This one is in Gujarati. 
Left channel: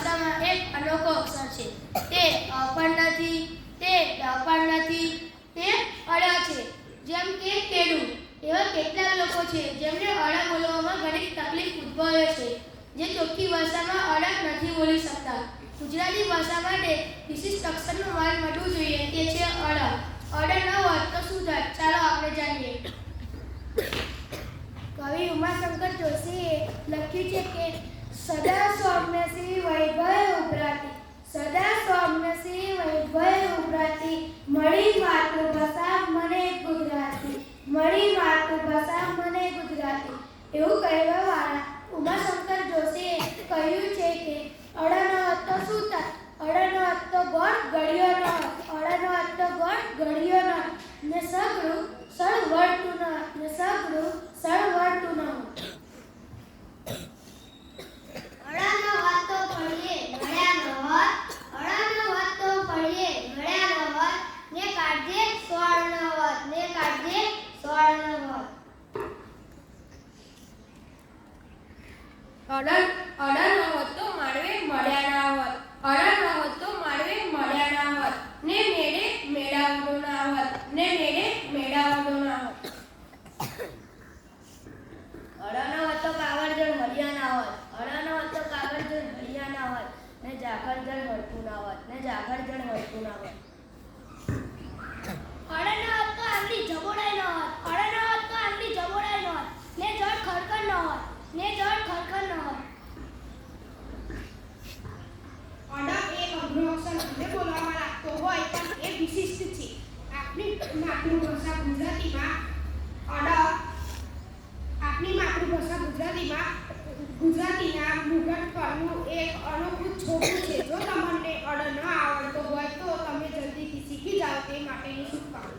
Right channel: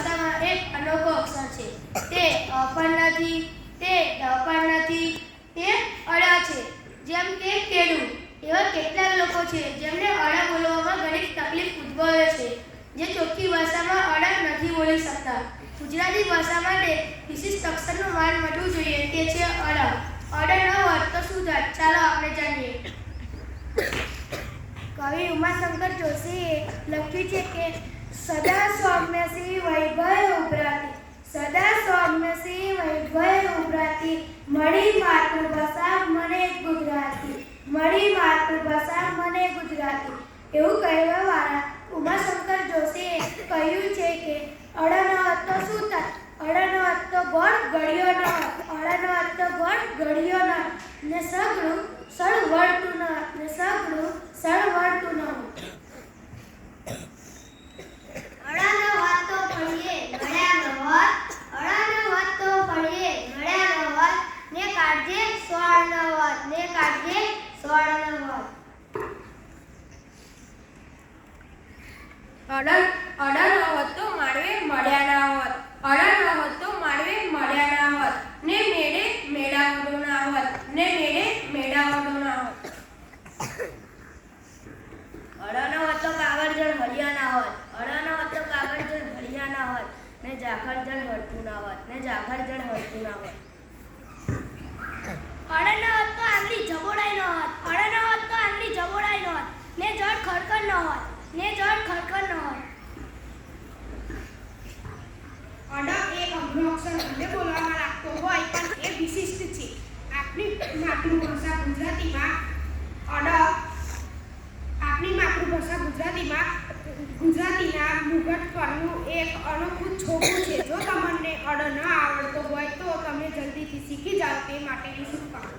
ભાષામાં એક અનોખો અક્ષર છે. તે પણ નથી, તે પણ નથી, તે અડા છે. જેમ કે કેળું. એવા કેટલાક લોકો છે જેમને અડા બોલવામાં ઘણી તકલીફ ઉદ્ભવે છે, જે ચોખ્ખી ભાષામાં અડા નથી બોલી શકતા. ગુજરાતી ભાષા માટે વિશિષ્ટ અક્ષરનું માન મળવું જોઈએ, તે છે અડા. અડા ન હોત તો શું થાત? ચાલો આપણે જાણીએ. કવિ ઉમાશંકર જોશીએ લખ્યું છે કે સદા સૌમ્યસી વૈભવ ઉભરાતી, સદા સૌમ્યસી વૈભવ ઉભરાતી, મળી માતૃભાષા મને ગુજરાતી, મળી માતૃભાષા મને ગુજરાતી. એવું કહેવાવાળા ઉમાશંકર જોશીએ કહ્યું છે કે અડા ન હોત તો શું થાત? અડા ન હોત તો ગોળ ગળ્યો ન હોત, અડા ન હોત તો ગોળ ગળ્યો ન હોત, ને સગડું સળ વળતું ન હોત, ને સગડું સળ વળતું ન હોત. અડા ન હોત તો પડીએ નડ્યા ન હોત, અડા ન હોત તો પડીએ નડ્યા ન હોત, ને કાઢજે સોળ ન હોત, ને કાઢજે સોળ ન હોત. અડા ન હોત તો માળવે મળ્યા ના હોત, અડા ન હોત તો માળવે મળ્યા ના હોત, ને મેળે મેળાવડો ના હોત, ને મેળે મેળાવડો ના હોત. અડા ન હોત તો કાગળજળ હળિયા ના હોત, અડા ન હોત તો કાગળજળ હળિયા ના હોત, ને ઝાખરજળ હળતું ના હોત, ને ઝાખરજળ હળતું ના હોત. અડા ન હોત તો આંગળી જબોડાઈ ન હોત, અડા ન હોત તો આંગળી જબોડાઈ ન હોત, ને જળ ખડખડ ન હોત, ને જળ ખડખડ ન હોત. અડા એ અઘરો અક્ષર ભલે બોલવામાં લાગતો હોય પણ એ વિશિષ્ટ છે. આપણી માતૃભાષા ગુજરાતીમાં ગુજરાતીના મુગટ પરનું એક અનોખું છોકું છે. જો તમને અડ ન આવડતો હોય તો તમે જલ્દીથી શીખી જાઓ તે માટેની શુભકામના.